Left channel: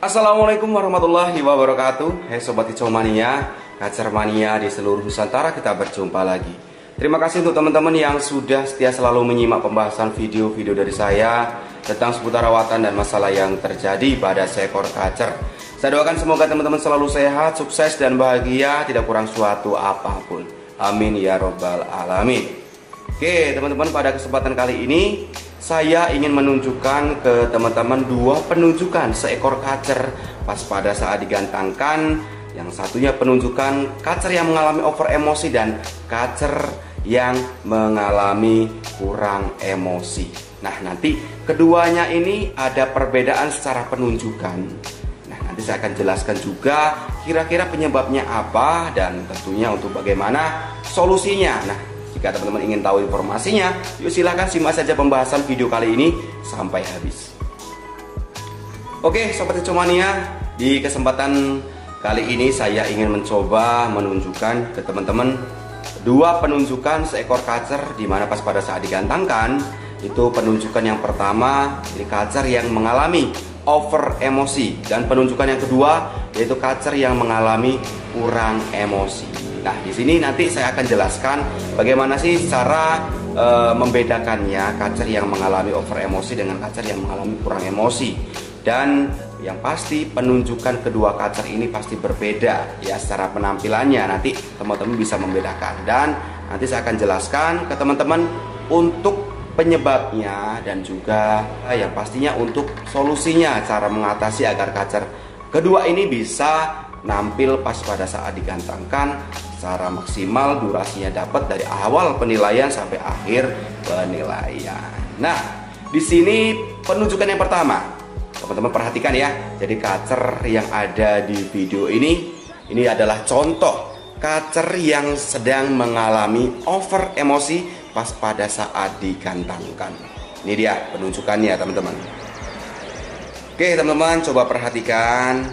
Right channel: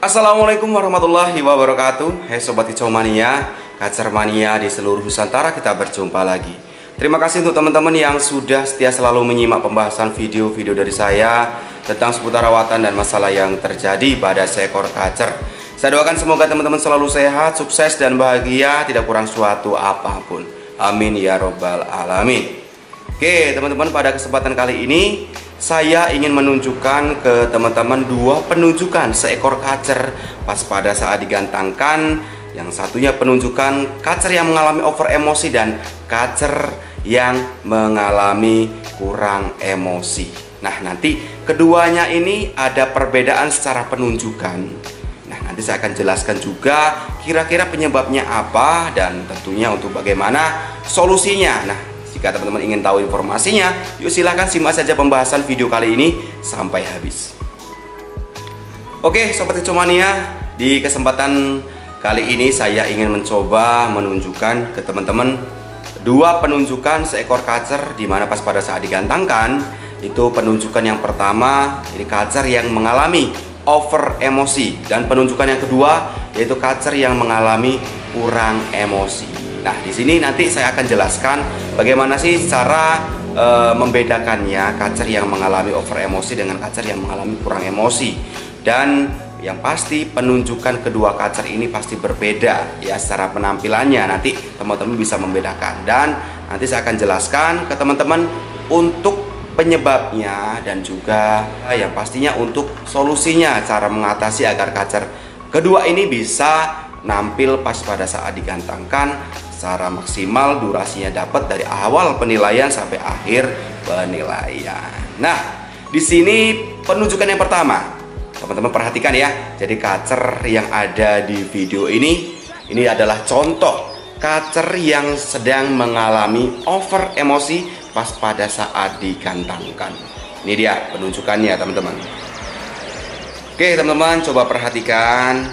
Assalamualaikum warahmatullahi wabarakatuh. Hai Sobat Kicau Mania, Kacer Mania di seluruh Nusantara, kita berjumpa lagi. Terima kasih untuk teman-teman yang sudah setia selalu menyimak pembahasan video-video dari saya tentang seputar rawatan dan masalah yang terjadi pada seekor kacer. Saya doakan semoga teman-teman selalu sehat, sukses dan bahagia, tidak kurang suatu apapun. Amin ya robbal alamin. Oke teman-teman, pada kesempatan kali ini saya ingin menunjukkan ke teman-teman dua penunjukan seekor kacer pas pada saat digantangkan. Yang satunya penunjukan kacer yang mengalami over emosi dan kacer yang mengalami kurang emosi. Nah, nanti keduanya ini ada perbedaan secara penunjukan. Nah, nanti saya akan jelaskan juga kira-kira penyebabnya apa dan tentunya untuk bagaimana solusinya. Nah, jika teman-teman ingin tahu informasinya, yuk silahkan simak saja pembahasan video kali ini sampai habis. Oke Sobat Kicau Mania, di kesempatan kali ini saya ingin mencoba menunjukkan ke teman-teman dua penunjukan seekor kacer di mana pas pada saat digantangkan. Itu penunjukan yang pertama, ini kacer yang mengalami over emosi, dan penunjukan yang kedua yaitu kacer yang mengalami kurang emosi. Nah, di sini nanti saya akan jelaskan bagaimana sih cara membedakannya kacer yang mengalami over emosi dengan kacer yang mengalami kurang emosi. Dan yang pasti penunjukan kedua kacer ini pasti berbeda ya secara penampilannya. Nanti teman-teman bisa membedakan, dan nanti saya akan jelaskan ke teman-teman untuk penyebabnya dan juga yang pastinya untuk solusinya, cara mengatasi agar kacer kedua ini bisa nampil pas pada saat digantangkan secara maksimal, durasinya dapat dari awal penilaian sampai akhir penilaian. Nah, di sini penunjukan yang pertama, teman-teman perhatikan ya. Jadi kacer yang ada di video ini adalah contoh kacer yang sedang mengalami over emosi pas pada saat digantangkan. Ini dia penunjukannya teman-teman. Oke teman-teman, coba perhatikan.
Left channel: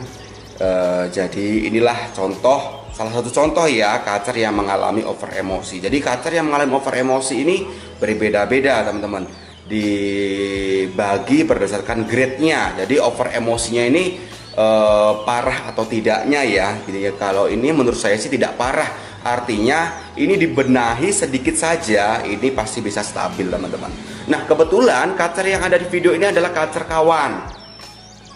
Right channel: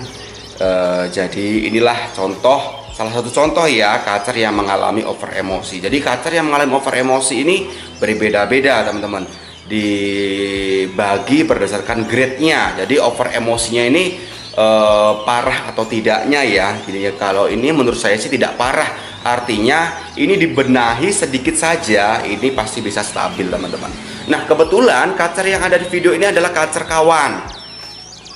Jadi inilah salah satu contoh ya kacer yang mengalami over emosi. Jadi kacer yang mengalami over emosi ini berbeda-beda teman-teman, dibagi berdasarkan grade-nya. Jadi over emosinya ini parah atau tidaknya ya. Gini ya, kalau ini menurut saya sih tidak parah. Artinya ini dibenahi sedikit saja, ini pasti bisa stabil teman-teman. Nah kebetulan kacer yang ada di video ini adalah kacer kawan,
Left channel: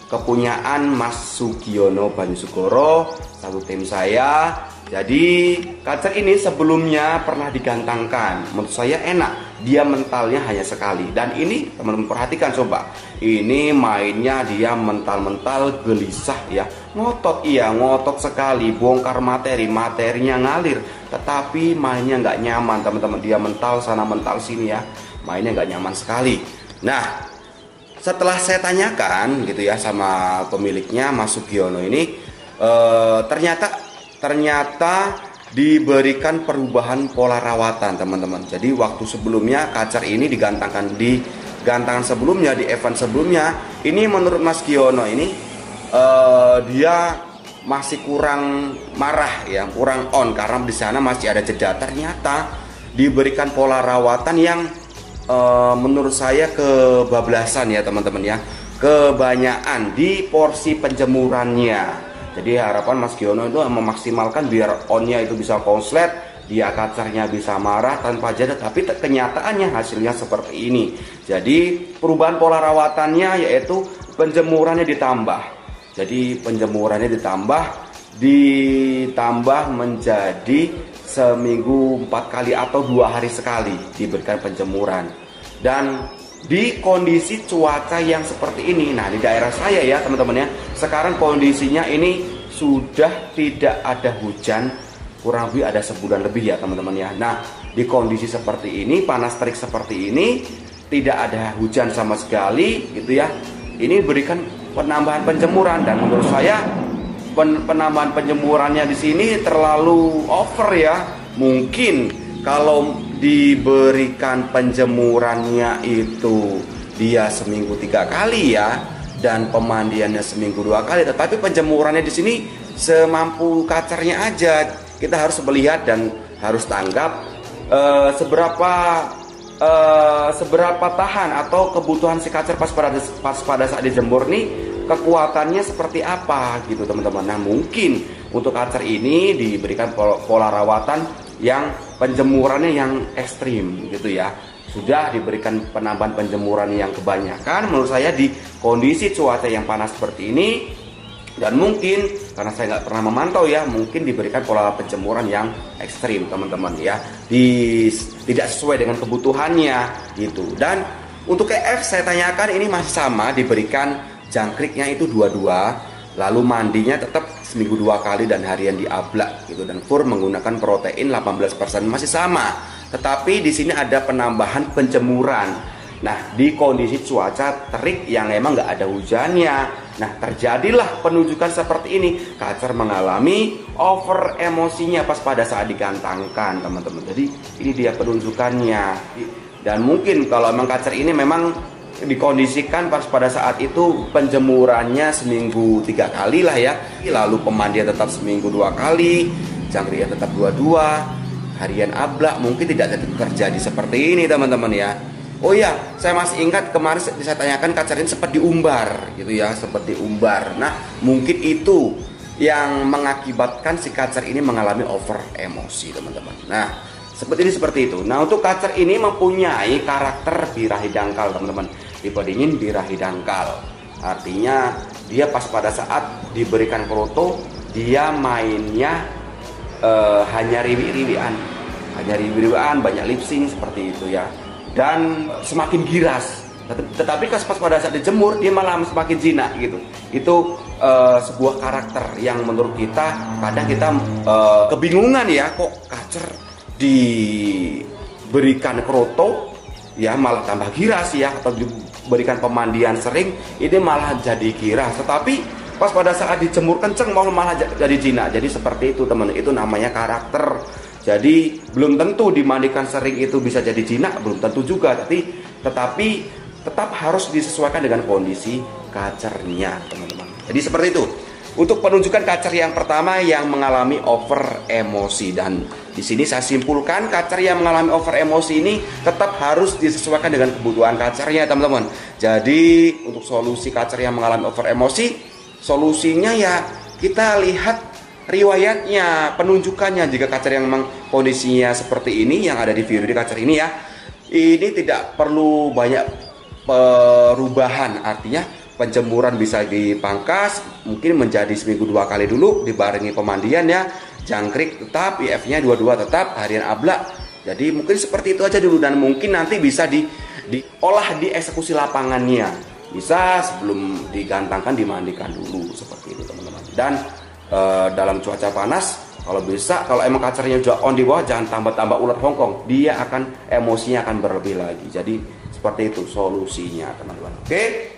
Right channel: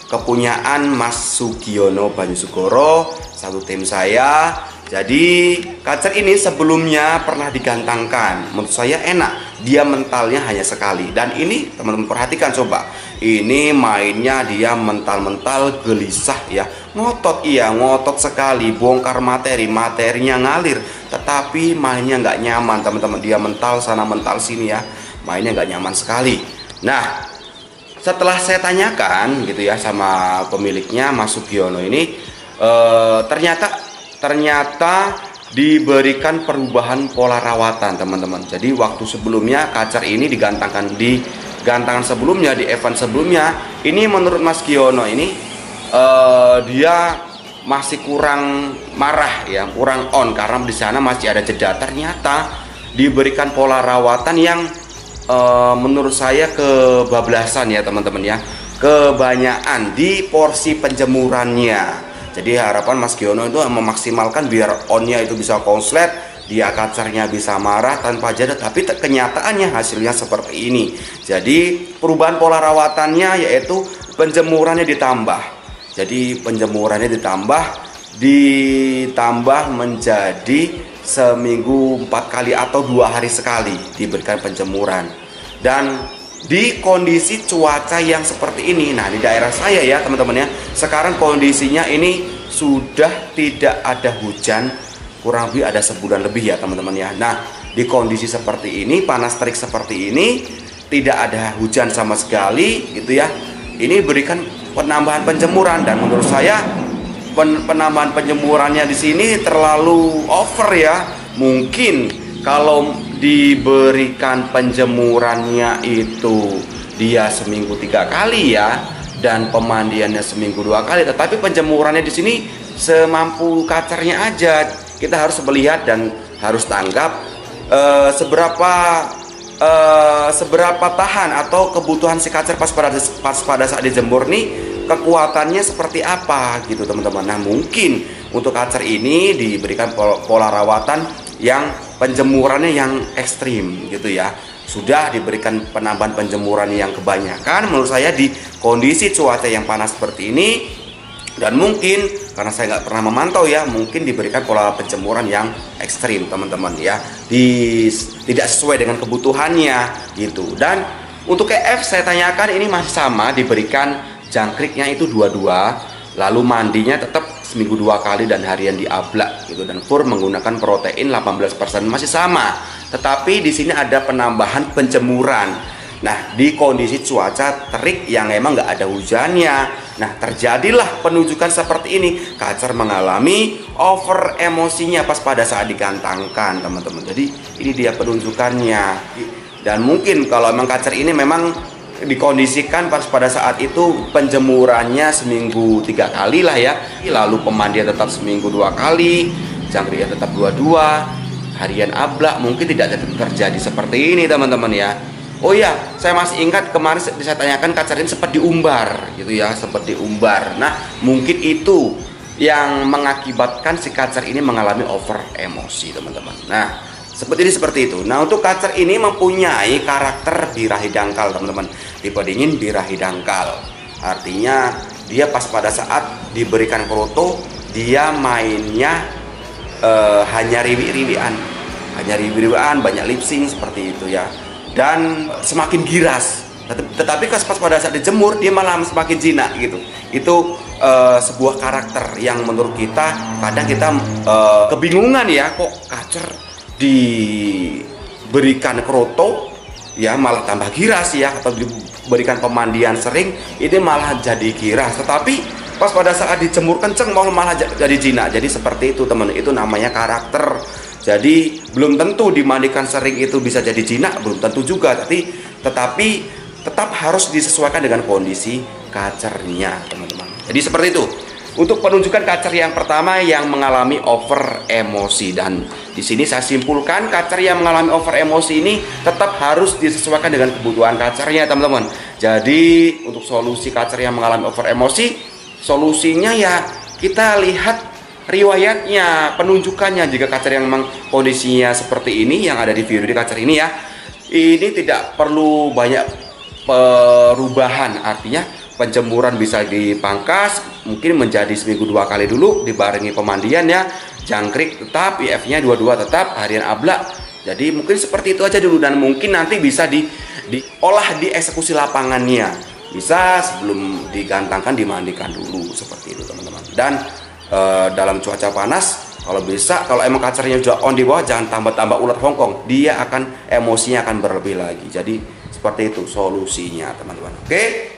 kepunyaan Mas Sugiono Banyusugoro, satu tim saya. Jadi kacer ini sebelumnya pernah digantangkan. Menurut saya enak, dia mentalnya hanya sekali. Dan ini teman-teman perhatikan coba, ini mainnya dia mental-mental gelisah ya. Ngotot, iya ngotot sekali, bongkar materinya ngalir, tetapi mainnya nggak nyaman teman-teman. Dia mental sana mental sini ya, mainnya nggak nyaman sekali. Nah setelah saya tanyakan gitu ya sama pemiliknya Mas Sugiono ini, ternyata diberikan perubahan pola rawatan teman-teman. Jadi waktu sebelumnya kacer ini digantangkan di gantangan sebelumnya, di event sebelumnya, ini menurut Mas Sugiono ini dia masih kurang marah ya, kurang on karena di sana masih ada jeda. Ternyata diberikan pola rawatan yang menurut saya kebablasan ya teman-teman ya, kebanyakan di porsi penjemurannya. Jadi harapan Mas Giono itu memaksimalkan biar onnya itu bisa konslet, dia kacernya bisa marah tanpa jeda, tapi kenyataannya hasilnya seperti ini. Jadi perubahan pola rawatannya yaitu penjemurannya ditambah. Jadi penjemurannya ditambah menjadi seminggu 4 kali atau 2 hari sekali diberikan penjemuran. Dan di kondisi cuaca yang seperti ini, nah di daerah saya ya teman-teman ya, sekarang kondisinya ini sudah tidak ada hujan, kurang lebih ada sebulan lebih ya teman-teman ya. Nah di kondisi seperti ini, panas terik seperti ini, tidak ada hujan sama sekali gitu ya, ini berikan penambahan penjemuran. Dan menurut saya penambahan penjemurannya di sini terlalu over ya. Mungkin kalau diberikan penjemurannya itu dia seminggu 3 kali ya, dan pemandiannya seminggu 2 kali, tetapi penjemurannya di sini semampu kacernya aja. Kita harus melihat dan harus tanggap seberapa tahan atau kebutuhan si kacer pas pada saat dijemur nih kekuatannya seperti apa gitu teman-teman. Nah mungkin untuk kacer ini diberikan pola rawatan yang penjemurannya yang ekstrim gitu ya. Sudah diberikan penambahan penjemuran yang kebanyakan menurut saya di kondisi cuaca yang panas seperti ini. Dan mungkin karena saya nggak pernah memantau ya, mungkin diberikan pola penjemuran yang ekstrim teman-teman ya, tidak sesuai dengan kebutuhannya gitu. Dan untuk EF saya tanyakan ini masih sama, diberikan jangkriknya itu 22, lalu mandinya tetap seminggu 2 kali dan harian diablak gitu, dan fur menggunakan protein 18% masih sama. Tetapi di sini ada penambahan penjemuran. Nah, di kondisi cuaca terik yang emang nggak ada hujannya, nah terjadilah penunjukan seperti ini. Kacer mengalami over emosinya pas pada saat digantangkan teman-teman. Jadi ini dia penunjukannya. Dan mungkin kalau emang kacer ini memang dikondisikan pas pada saat itu penjemurannya seminggu 3 kali lah ya, lalu pemandian tetap seminggu 2 kali, jangkriknya tetap 22, harian ablak, mungkin tidak terjadi seperti ini teman-teman ya. Oh iya, saya masih ingat kemarin saya tanyakan kacer ini sempat diumbar gitu ya, sempat diumbar. Nah, mungkin itu yang mengakibatkan si kacer ini mengalami over emosi, teman-teman. Nah, seperti itu. Nah, untuk kacer ini mempunyai karakter birahi dangkal, teman-teman. Tipe dingin birahi dangkal. Artinya dia pas pada saat diberikan kroto, dia mainnya hanya riwi-riwian. Hanya riwi-riwian, banyak lip sync seperti itu ya. Dan semakin giras, tetapi pas pada saat dijemur dia malah semakin jinak gitu. Itu sebuah karakter yang menurut kita kadang kita kebingungan ya, kok kacer diberikan kroto ya malah tambah giras ya, atau diberikan pemandian sering ini malah jadi giras, tetapi pas pada saat dijemur kenceng malah jadi jinak. Jadi seperti itu teman, itu namanya karakter. Jadi belum tentu dimandikan sering itu bisa jadi jinak, belum tentu juga. Tetapi tetap harus disesuaikan dengan kondisi kacernya, teman-teman. Jadi seperti itu. Untuk penunjukan kacer yang pertama yang mengalami over emosi, dan di sini saya simpulkan kacer yang mengalami over emosi ini tetap harus disesuaikan dengan kebutuhan kacernya, teman-teman. Jadi untuk solusi kacer yang mengalami over emosi, solusinya ya kita lihat riwayatnya, penunjukannya. Jika kacer yang memang kondisinya seperti ini yang ada di video di kacer ini ya, ini tidak perlu banyak perubahan. Artinya penjemuran bisa dipangkas, mungkin menjadi seminggu 2 kali dulu dibarengi pemandian ya. Jangkrik tetap, IF-nya 22 tetap, harian ablak. Jadi mungkin seperti itu aja dulu, dan mungkin nanti bisa diolah di eksekusi lapangannya. Bisa sebelum digantangkan dimandikan dulu seperti itu, teman-teman. Dan dalam cuaca panas, kalau bisa, kalau emang kacernya sudah on di bawah, jangan tambah-tambah ulat Hongkong, dia akan emosinya akan berlebih lagi. Jadi seperti itu solusinya, teman-teman. Oke,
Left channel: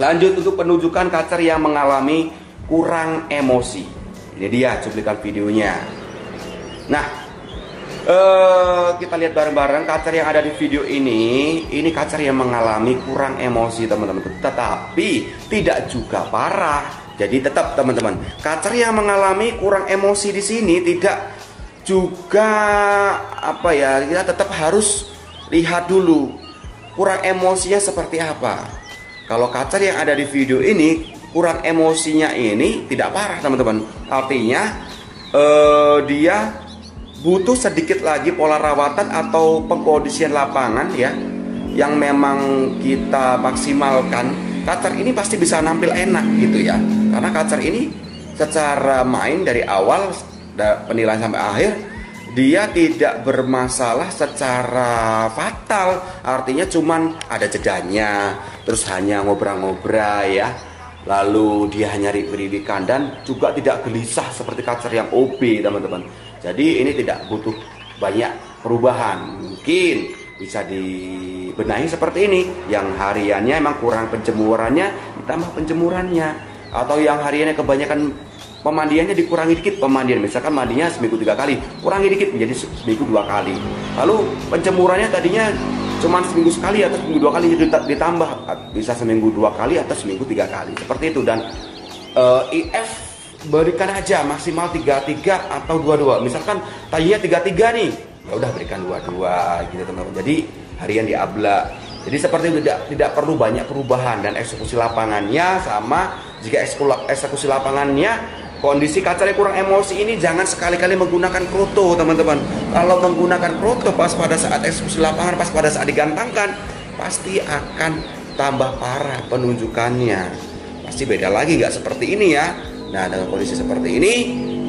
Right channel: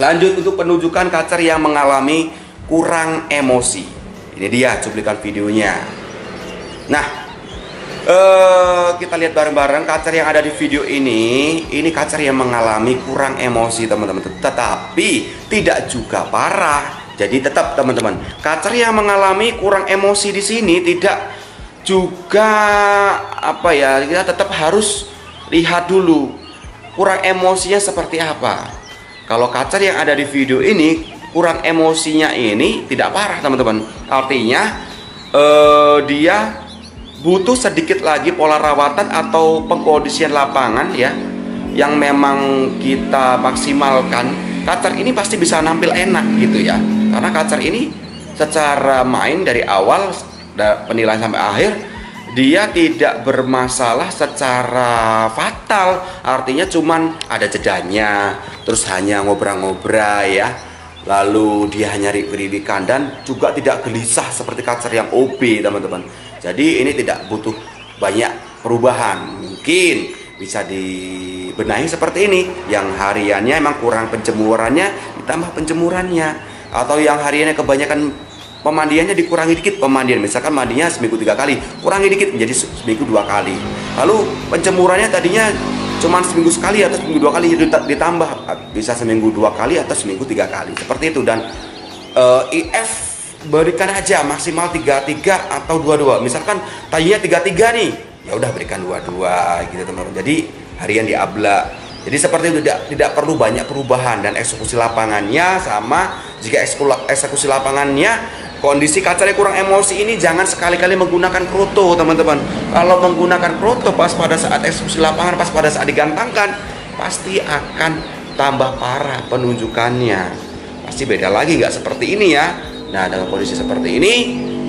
lanjut untuk penunjukan kacer yang mengalami kurang emosi. Ini dia cuplikan videonya. Nah, kita lihat bareng-bareng kacer yang ada di video ini. Ini kacer yang mengalami kurang emosi, teman-teman, tetapi tidak juga parah. Jadi tetap, teman-teman, kacer yang mengalami kurang emosi di sini tidak juga apa ya, kita tetap harus lihat dulu kurang emosinya seperti apa. Kalau kacer yang ada di video ini kurang emosinya ini tidak parah, teman-teman. Artinya dia butuh sedikit lagi pola rawatan atau pengkondisian lapangan ya, yang memang kita maksimalkan. Kacer ini pasti bisa nampil enak gitu ya, karena kacer ini secara main dari awal penilaian sampai akhir dia tidak bermasalah secara fatal. Artinya cuman ada jedanya, terus hanya ngobrol-ngobrol ya, lalu dia hanya riwi-riwikan, dan juga tidak gelisah seperti kacer yang OB, teman-teman. Jadi ini tidak butuh banyak perubahan. Mungkin bisa dibenahi seperti ini, yang hariannya emang kurang penjemurannya ditambah penjemurannya, atau yang hariannya kebanyakan pemandiannya dikurangi dikit pemandian, misalkan mandinya seminggu 3 kali, kurangi dikit menjadi seminggu 2 kali. Lalu penjemurannya tadinya cuma seminggu sekali atau seminggu 2 kali, ditambah bisa seminggu 2 kali atau seminggu 3 kali seperti itu. Dan IF berikan aja maksimal 33 atau 22. Misalkan tadinya 33 nih, ya udah berikan 22 gitu, teman-teman. Jadi harian diablak, Jadi seperti itu, tidak perlu banyak perubahan, dan eksekusi lapangannya sama. Jika eksekusi lapangannya kondisi kacarnya kurang emosi ini, jangan sekali-kali menggunakan kroto teman-teman. Kalau menggunakan kroto pas pada saat eksekusi lapangan, pas pada saat digantangkan, pasti akan tambah parah penunjukannya. Pasti beda lagi, nggak seperti ini ya. Nah, dengan kondisi seperti ini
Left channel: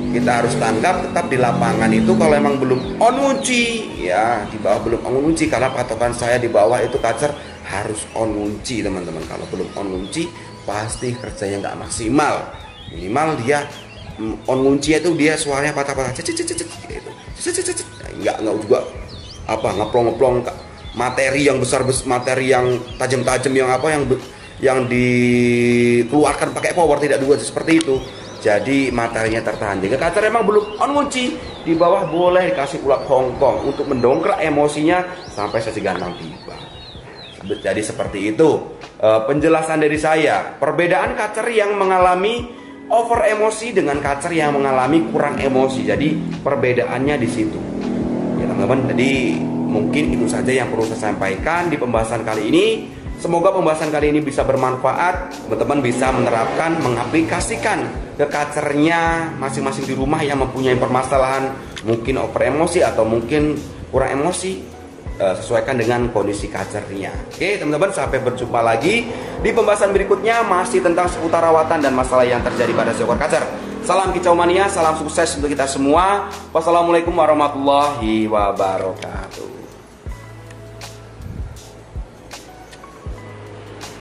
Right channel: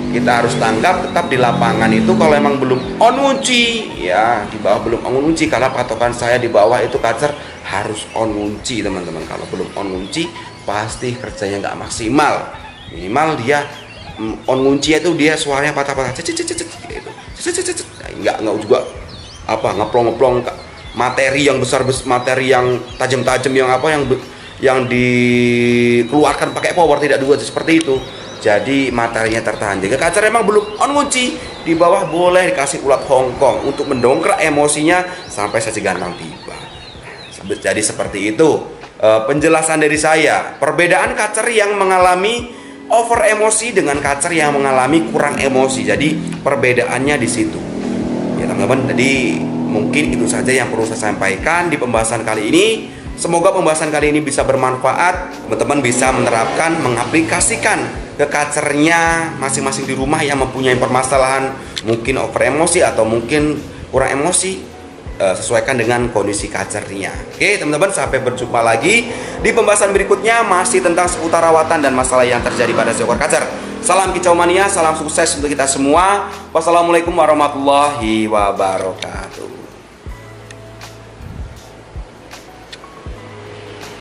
kita harus tanggap tetap di lapangan itu. Kalau emang belum on ngunci ya, di bawah belum on ngunci, karena patokan saya di bawah itu kacer harus on ngunci teman-teman. Kalau belum on ngunci pasti kerjanya nggak maksimal. Minimal dia on ngunci itu dia suaranya patah-patah gitu. Nggak juga apa ngeplong-ngeplong materi yang besar, materi yang tajam-tajam, yang dikeluarkan pakai power, tidak dua seperti itu. Jadi materinya tertahan. Jika kacar emang belum on ngunci, di bawah boleh dikasih ulat Hongkong untuk mendongkrak emosinya sampai saji gantang tiba. Jadi seperti itu penjelasan dari saya. Perbedaan kacar yang mengalami over emosi dengan kacar yang mengalami kurang emosi. Jadi perbedaannya di situ. Ya teman-teman, jadi mungkin itu saja yang perlu saya sampaikan di pembahasan kali ini. Semoga pembahasan kali ini bisa bermanfaat. Teman-teman bisa menerapkan, mengaplikasikan ke kacernya masing-masing di rumah yang mempunyai permasalahan mungkin over emosi atau mungkin kurang emosi. Sesuaikan dengan kondisi kacernya. Oke teman-teman, sampai berjumpa lagi di pembahasan berikutnya, masih tentang seputar rawatan dan masalah yang terjadi pada seekor kacer. Salam kicau mania, salam sukses untuk kita semua. Wassalamualaikum warahmatullahi wabarakatuh.